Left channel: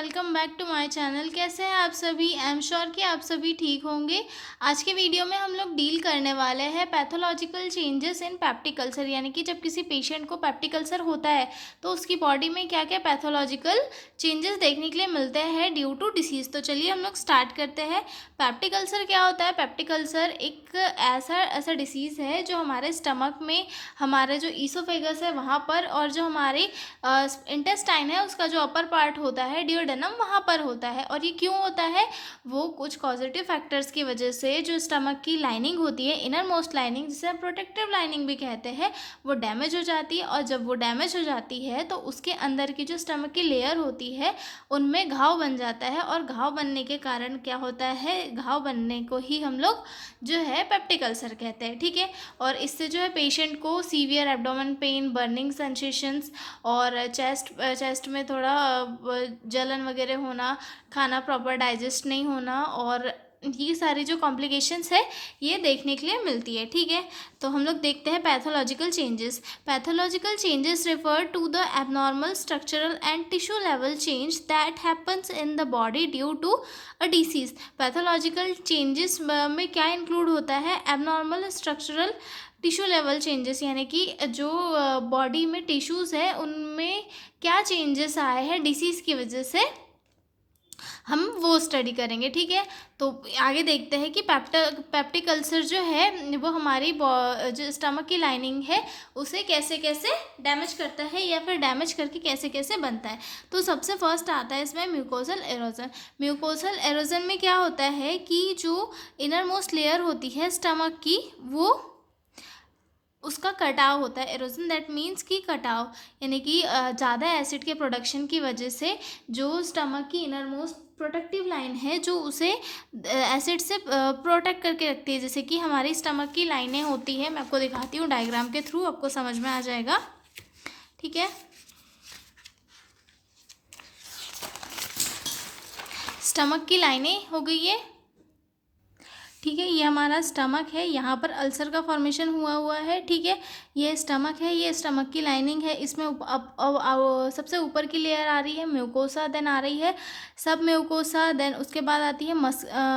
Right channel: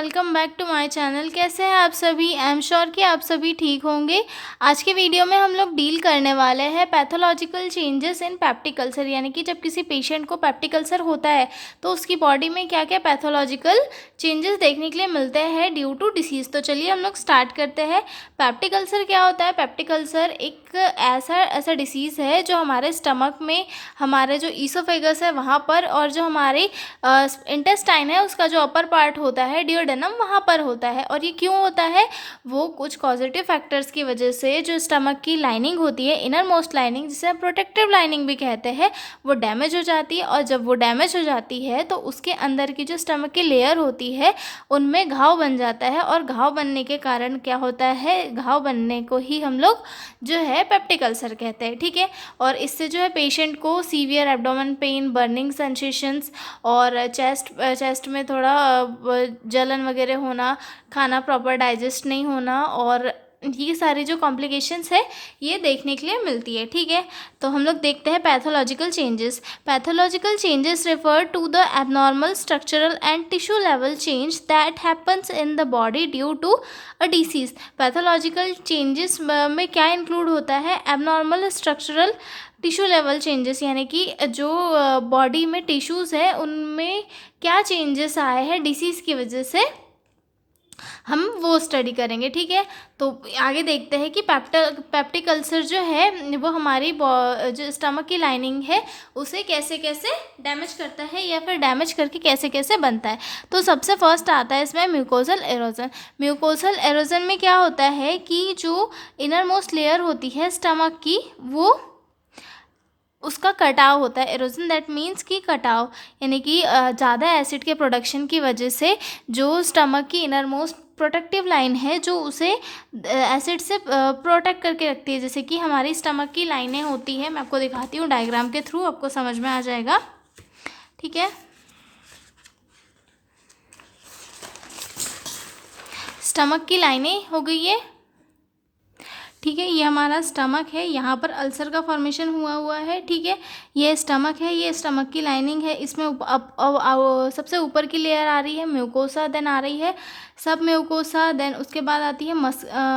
Welcome back to my channel. कैसे हैं आप सभी? आई एम श्योर कि आप सभी ठीक होंगे। आज के वीडियो में हम लोग डील करने वाले हैं pathological changes in peptic ulcer, यानी कि जब किसी पेशेंट को पेप्टिक अल्सर होता है तो उसकी बॉडी में क्या क्या पैथोलॉजिकल चेंजेस देखने के लिए मिलते हैं ड्यू टू डिसीज़। तो चलिए हम लोग स्टार्ट करते हैं। पेप्टिक अल्सर क्या होता है? पेप्टिक अल्सर एक ऐसा डिसीज़ है जो हमारे स्टमक में, हमारे जो ईसोफेगस है वहाँ पर, और जो हमारी इंटेस्टाइन है उसका जो अपर पार्ट होता है डिओडेनम, वहाँ पर होता है। और ये क्यों होता है? वो कुछ पॉजिटिव फैक्टर्स की वजह से जो स्टमक की लाइनिंग होती है, इनर मोस्ट लाइनिंग, जिसे हम प्रोटेक्टिव लाइनिंग भी कहते हैं, वो डैमेज हो जाती है। और जब वो डैमेज हो जाती है तो उसके अंदर की जो स्टमक की लेयर होती है उनमें घाव बन जाता है। और घाव बनने के कारण क्या होता है? घाव बनने को ही हम लोग जो है पेप्टिक अल्सर कहते हैं, ठीक है। और इससे जो है पेशेंट को severe abdomen pain, burning sensations, और चेस्ट में थोड़ा जलन वगैरह होना, खाना प्रॉपर डाइजेस्ट नहीं होना, और ये सारी जो कॉम्प्लिकेशंस है ये देखने के लिए मिलती है, ठीक है। तो हम लोग देखते हैं pathological changes. Pathological changes refer to the abnormal structural and tissue level change that happens in the body due to a disease. Pathological changes में क्या इंक्लूड होता है? Abnormal structural tissue level changes, यानी कि जो बॉडी में tissues है उनमें क्या चेंजेस आए हैं डिसीज़ की वजह से, हम वो स्टडी करेंगे, ठीक है। तो आगे देखते हैं कि पेप्टिक अल्सर जो है वो हमारी जो स्टमक की लाइनिंग है उसे कैसे कैसे डैमेज करता है, या फिर डैमेज करके कैसे कैसे बनता है। तो सबसे फर्स्ट आता है इसमें म्यूकोसल एरोजन। म्यूकोसल एरोजन में क्या होता है कि जो इनर मोस्ट लेयर होती है स्टमक की, वो उसका कटाव होता है। एरोजन दैट मीन्स कि कटाव, यानी कि ज़्यादा एसिड के प्रोडक्शन की वजह से जो स्टमक की इनर मोस्ट प्रोटेक्टिव लाइन है जो उसे एसिड से प्रोटेक्ट करके रखती है। जैसे कि हमारी स्टमक की लाइनें होती है, मैं आपको दिखाती हूँ डायग्राम के थ्रू, आपको समझ में आ जाएगा, ठीक है। स्टमक की लाइनें हो गई है, ठीक है। ये हमारा स्टमक है, यहाँ पर अल्सर का फॉर्मेशन हुआ है, ठीक है। ये स्टमक है, ये स्टमक की लाइनिंग है। इसमें सबसे ऊपर की लेयर आ रही है म्यूकोसा, देन आ रही है सब म्यूकोसा, देन उसके बाद आती है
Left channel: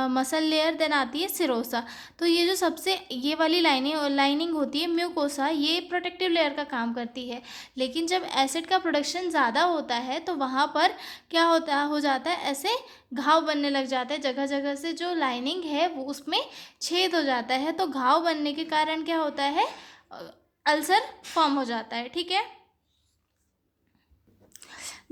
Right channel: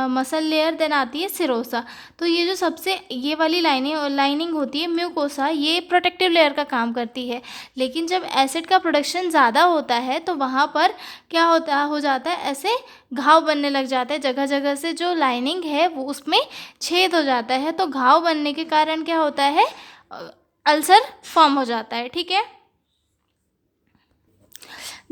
मसल लेयर, देन आती है सिरोसा। तो ये जो सबसे ये वाली लाइनिंग होती है म्यूकोसा, ये प्रोटेक्टिव लेयर का काम करती है। लेकिन जब एसिड का प्रोडक्शन ज़्यादा होता है तो वहाँ पर क्या हो जाता है, ऐसे घाव बनने लग जाते हैं। जगह जगह से जो लाइनिंग है वो उसमें छेद हो जाता है। तो घाव बनने के कारण क्या होता है? अल्सर फॉर्म हो जाता है, ठीक है।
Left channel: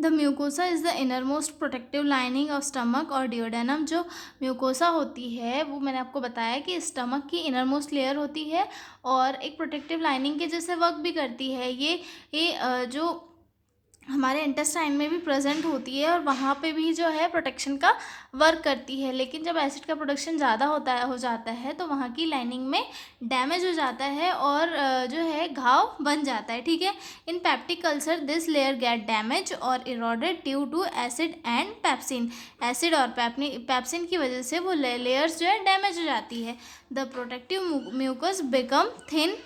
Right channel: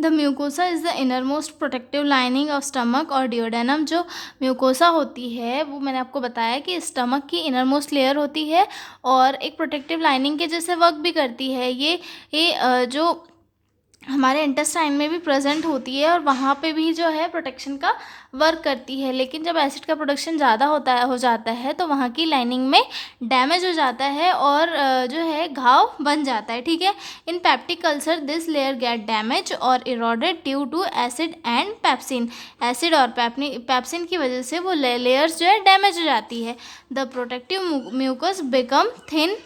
The mucosa is the inner most protective lining of stomach और डिओडेनम। जो म्यूकोसा होती है वो मैंने आपको बताया कि स्टमक की इनर मोस्ट लेयर होती है और एक प्रोटेक्टिव लाइनिंग के जैसे वर्क भी करती है। ये जो हमारे इंटेस्टाइन में भी प्रेजेंट होती है और वहाँ पे भी जो है प्रोटेक्शन का वर्क करती है। लेकिन जब एसिड का प्रोडक्शन ज़्यादा हो जाता है तो वहाँ की लाइनिंग में डैमेज हो जाता है और जो है घाव बन जाता है, ठीक है। In peptic ulcer this layer get damage और eroded due to acid and pepsin. Acid और पेप्सिन की वजह से वो लेयर्स जो है डैमेज हो जाती है। The protective mucus become thin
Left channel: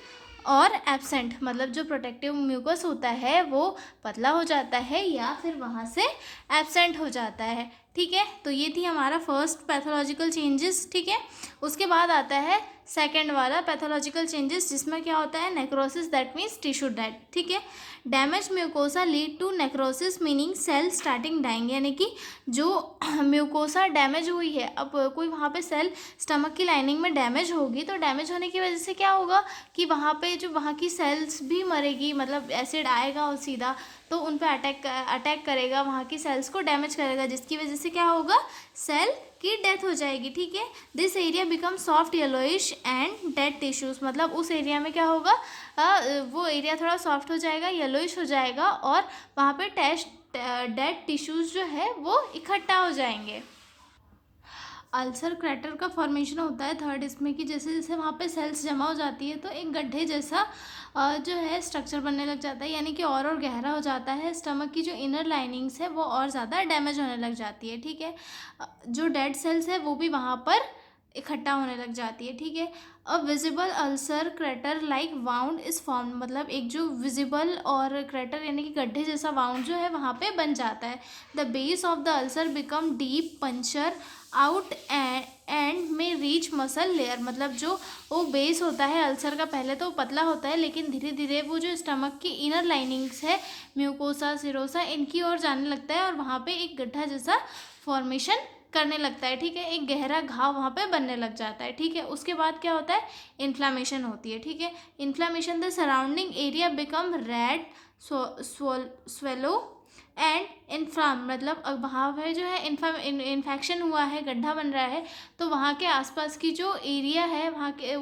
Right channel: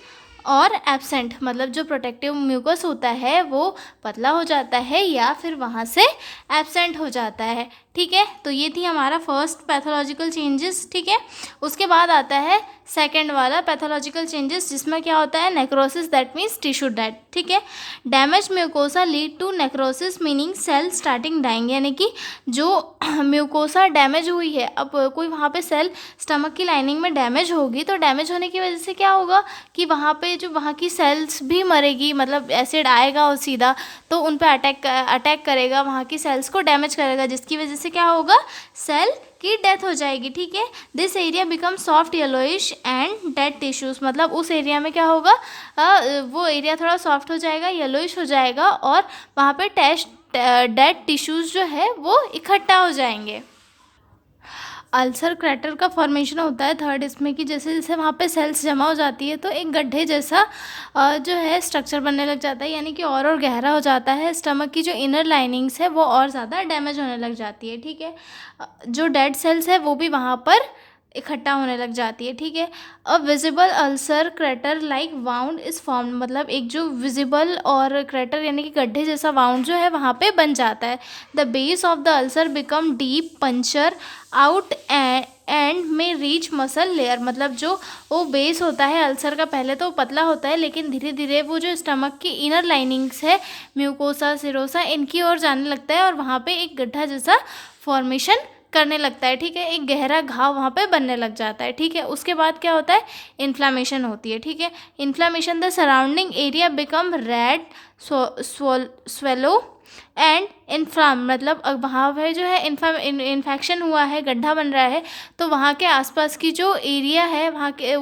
और एब्सेंट, मतलब जो प्रोटेक्टिव म्यूकस होता है वो पतला हो जाता है या फिर वहाँ से एब्सेंट हो जाता है, ठीक है। तो ये थी हमारा फर्स्ट पैथोलॉजिकल चेंजेस, ठीक है। उसके बाद आता है सेकेंड वाला पैथोलॉजिकल चेंजेस, जिसमें क्या होता है? Necrosis, that means tissue death, ठीक है। Damage mucosa lead to necrosis meaning cell starting dying, यानी कि जो म्यूकोसा डैमेज हुई है, अब कोई वहाँ पे सेल स्टमक की लाइनिंग में डैमेज होगी तो डैमेज होने की वजह से क्या होगा कि वहाँ पे जो वहाँ की सेल्स भी मरेगी, मतलब एसिड आएगा और सीधा तो उन पे अटैक करेगा, वहाँ की सेल्स को डैमेज करेगा, जिसकी वजह से क्या होगा? सेल की डेथ हो जाएगी, ठीक है। This area become soft yellowish and dead tissues, मतलब उस एरिया में क्या होगा? वो एरिया थोड़ा सॉफ्ट हो जाएगा, येलोइश हो जाएगा, और वहाँ पे डेड टिश्यूज़ जो है वो इकट्ठा हो जाएंगे। अल्सर क्रैटर का फॉर्मेशन होता है थर्ड इसमें, कि जैसे जैसे वहाँ पे सेल्स जमा हो जाती है तो एक गड्ढे जैसा जो है स्ट्रक्चर बनने लग जाता है, यानी कि और गहरा हो जाता है। स्टमक की जो इनर लाइनिंग्स है वो और ज़्यादा डैमेज होने लग जाती है, ठीक है। जो डेड सेल्स है वो भी वहाँ पर इकट्ठा होने लग जाती है, ठीक है। A visible ulcer crater like wound is form, मतलब एक जो विजिबल और क्रेटर यानी कि गड्ढे जैसा वाउंड जो है वहाँ पे बन जाता है। The base of the ulcer become deep puncture out and में रीच मसल लेयर, मतलब जो वो बेस होता है अल्सर का पहले तो पतला होता है, लेकिन धीरे धीरे वो जो स्टमक की इनर लाइनिंग्स है, म्यूकोसा सिरोसा, इनकी ओर जाने लगता है और वहाँ पे एक गड्ढा जैसा फॉर्मेशन करने लगता है, ठीक है। एक गहरा घाव वहाँ पे बनने लग जाता है, ठीक है। उसके बाद क्या होता है, इन्फ्लामेशन होती है, ठीक है। Inflammation, the surrounding area become red swollen and inflame, मतलब वहाँ पे जो है इन्फेक्शन हुआ है, गड्ढा बन रहा है, तो वहाँ के आसपास की जो एरिया है, वहाँ के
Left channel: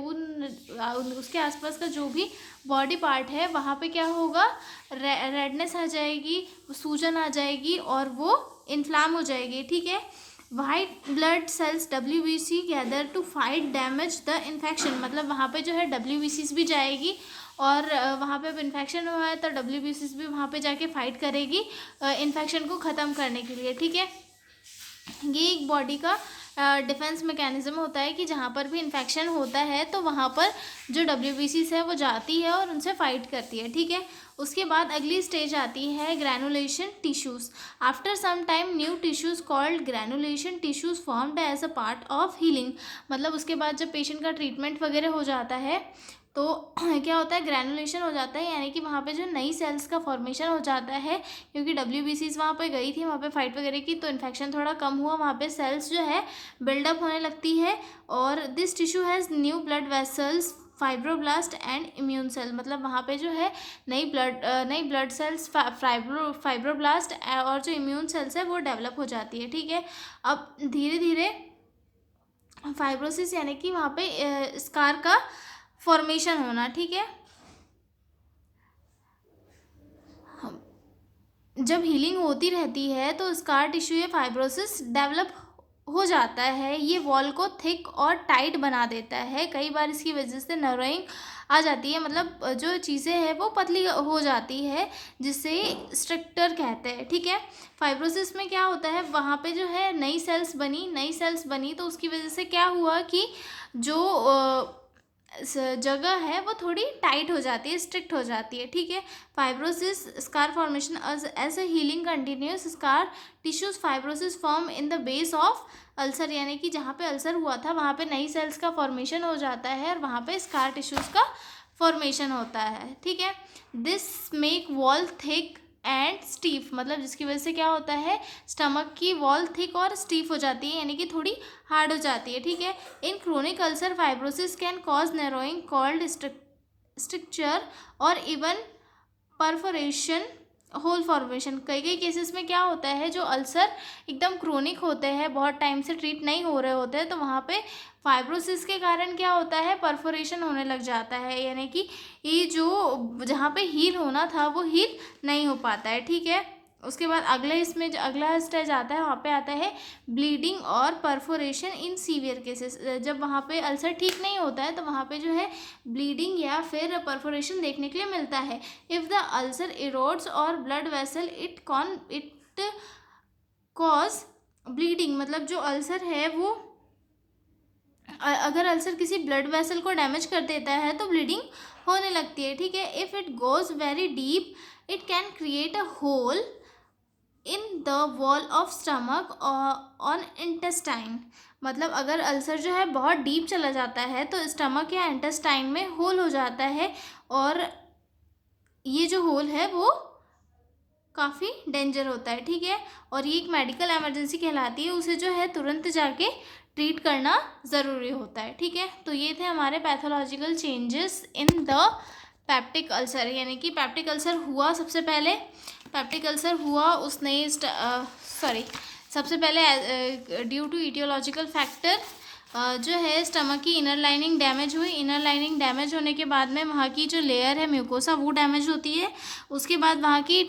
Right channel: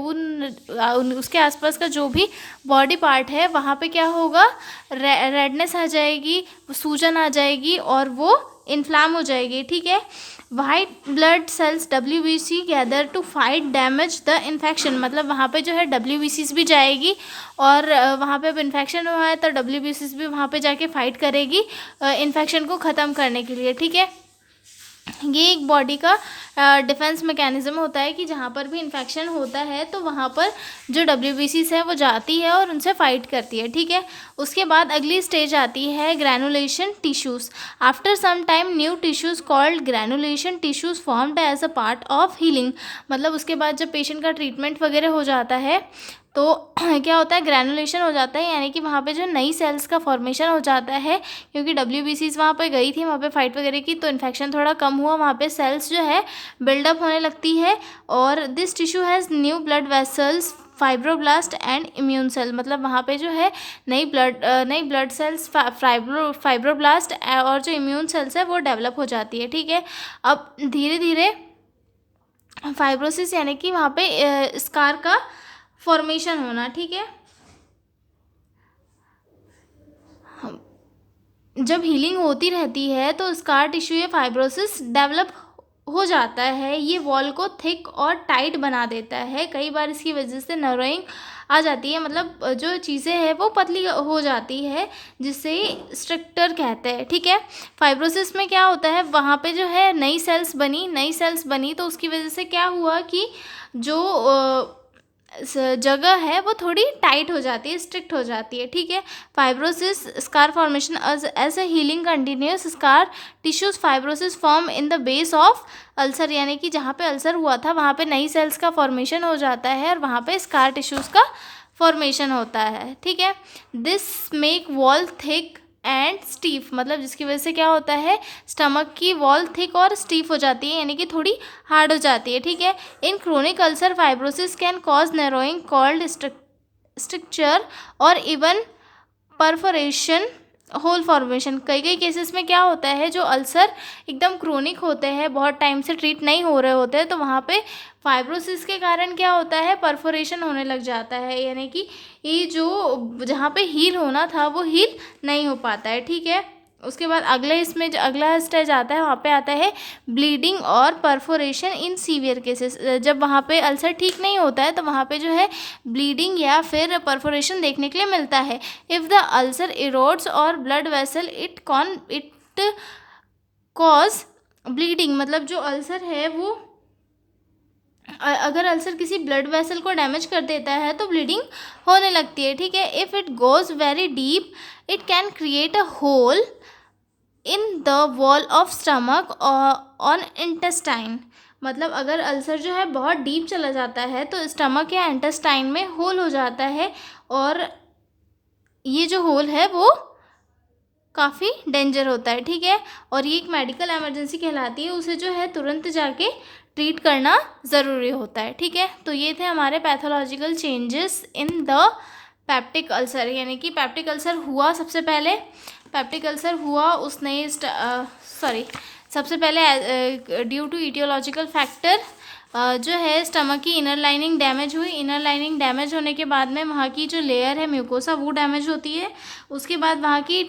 उसके आसपास का जो भी बॉडी पार्ट है वहाँ पे क्या होगा, रेडनेस आ जाएगी, सूजन आ जाएगी और वो इन्फ्लाम हो जाएगी, ठीक है। White blood cells WBC gather to fight damage the infection, मतलब वहाँ पे जो है WBCs भी जाएगी और वहाँ पे अब इन्फेक्शन हुआ है तो WBCs भी वहाँ पे जाके फाइट करेगी इन्फेक्शन को ख़त्म करने के लिए, ठीक है। ये एक बॉडी का डिफेंस मैकेनिज्म होता है कि जहाँ पर भी इन्फेक्शन होता है तो वहाँ पर जो WBCs है वो जाती है और उनसे फाइट करती है, ठीक है। उसके बाद अगली स्टेज आती है granulation tissues. After some time new tissues called granulation tissues formed as a part of healing, मतलब उसके बाद जब पेशेंट का ट्रीटमेंट वगैरह हो जाता है तो क्या होता है, ग्रैनुलेशन हो जाता है, यानी कि वहाँ पे जो नई सेल्स का फॉर्मेशन हो जाता है, क्योंकि WBCs वहाँ पे गई थी, वहाँ पे फाइट वगैरह की, तो इन्फेक्शन थोड़ा कम हुआ, वहाँ पे सेल्स जो है बिल्डअप होने लगती है। और this tissue has new blood vessels fibroblast and immune cell, मतलब वहाँ पे जो है नई ब्लड सेल्स फाइब्रोब्लास्ट और जो इम्यून सेल्स है वो डेवलप हो जाती है, ठीक है। अब धीरे धीरे फाइब्रोसिस यानी कि वहाँ पे स्कार का फॉर्मेशन होना, ठीक है। जब हीलिंग होती रहती है तो स्कार टिश्यू या फाइब्रोसिस डेवलप हो जाता है, ये वॉल को थिक और टाइट बना देता है, कई बार इसकी वजह से नर्विंग आ जाती है, मतलब जो चीज़ें हैं वो पतली हो जाती है, जिसे स्ट्रक्चर कहते हैं, ठीक है। फाइब्रोसिस में क्या होता है, वहाँ पे जो है नई सेल्स बनी तो उसकी वजह से क्या हुआ कि जो जगह है वो थोड़ी टाइट हो जाती है, स्ट्रिक्ट हो जाती है, ठीक है। Fibrosis scar formation as a healing continues scar tissues fibrosis form in the base of ulcer, यानी कि जहाँ पे अल्सर हुआ था वहाँ पे नई सेल्स का फॉर्मेशन हो जाता है और वहाँ पे स्कार टिश्यूज का फॉर्मेशन होता है, ठीक है। This make wall thick and stiff, मतलब जिसकी वजह से क्या होता है, स्टमक की वॉल थिक और स्टीफ हो जाती है, यानी कि थोड़ी हार्ड हो जाती है, ठीक है। In chronic ulcer fibrosis can cause narrowing called structure और इवन परफोरेशन होल फॉर्मेशन। कई कई केसेस में क्या होता है, जो अल्सर एकदम क्रोनिक होते हैं, बहुत टाइम से ट्रीट नहीं हो रहे होते हैं, तो वहाँ पे फाइब्रोसिस के कारण क्या होता है, परफोरेशन होने लग जाता है, यानी कि ये जो जहाँ पे हील होना था वो हील नहीं हो पाता है, ठीक है। उसके बाद इसमें जो अगला स्टेज आता है वहाँ पे आता है ब्लीडिंग और परफोरेशन इन सीवियर केसेस। जब वहाँ पे अल्सर ठीक नहीं होता है तो वहाँ पे जो है ब्लीडिंग या फिर परफोरेशन देखने के लिए मिलता है। इफ़ द अल्सर इरोड्स और blood vessel it cause bleeding, मतलब जो अल्सर है वो अगर अल्सर किसी ब्लड वेसल को डैमेज कर देता है तो ब्लीडिंग होने लगती है, ठीक है। If it goes very deep it can create a hole in the wall of stomach on intestine, मतलब अगर अल्सर जो है बहुत डीप चला जाता है तो स्टमक या इंटेस्टाइन में होल हो जाता है और ये जो होल है वो काफ़ी डेंजर होता है, ठीक है। और ये एक मेडिकल इमरजेंसी कहलाती है, उसे जो है तुरंत जाके ट्रीट करना ज़रूरी होता है, ठीक है। तो ये थे हमारे pathological changes in the peptic ulcer, यानी कि पेप्टिक अल्सर हुआ सबसे पहले सबसे पहले ड्यू टू ईटियोलॉजिकल फैक्टर जो है स्टमक की इनर लाइनिंग डैमेज हुई। इनर लाइनिंग डैमेज होने के बाद में वहाँ की जो लेयर है म्यूकोसा वो डैमेज होती है। उसके बाद वहाँ की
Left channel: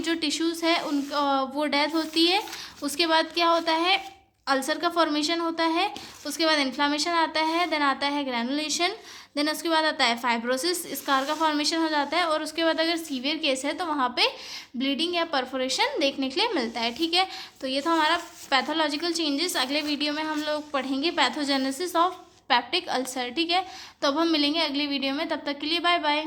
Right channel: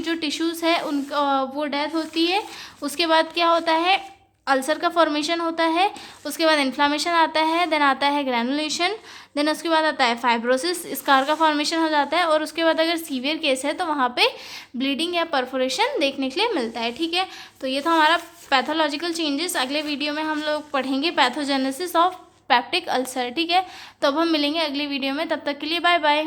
जो टिश्यूज़ है उनका वो डेथ होती है। उसके बाद क्या होता है, अल्सर का फॉर्मेशन होता है। उसके बाद इन्फ्लामेशन आता है, देन आता है ग्रैनुलेशन, देन उसके बाद आता है फाइब्रोसिस, स्कार का फॉर्मेशन हो जाता है, और उसके बाद अगर सीवियर केस है तो वहाँ पे ब्लीडिंग या परफोरेशन देखने के लिए मिलता है। ठीक है, तो ये था हमारा पैथोलॉजिकल चेंजेस। अगले वीडियो में हम लोग पढ़ेंगे पैथोजेनेसिस ऑफ पेप्टिक अल्सर। ठीक है, तो अब हम मिलेंगे अगली वीडियो में, तब तक के लिए बाय बाय।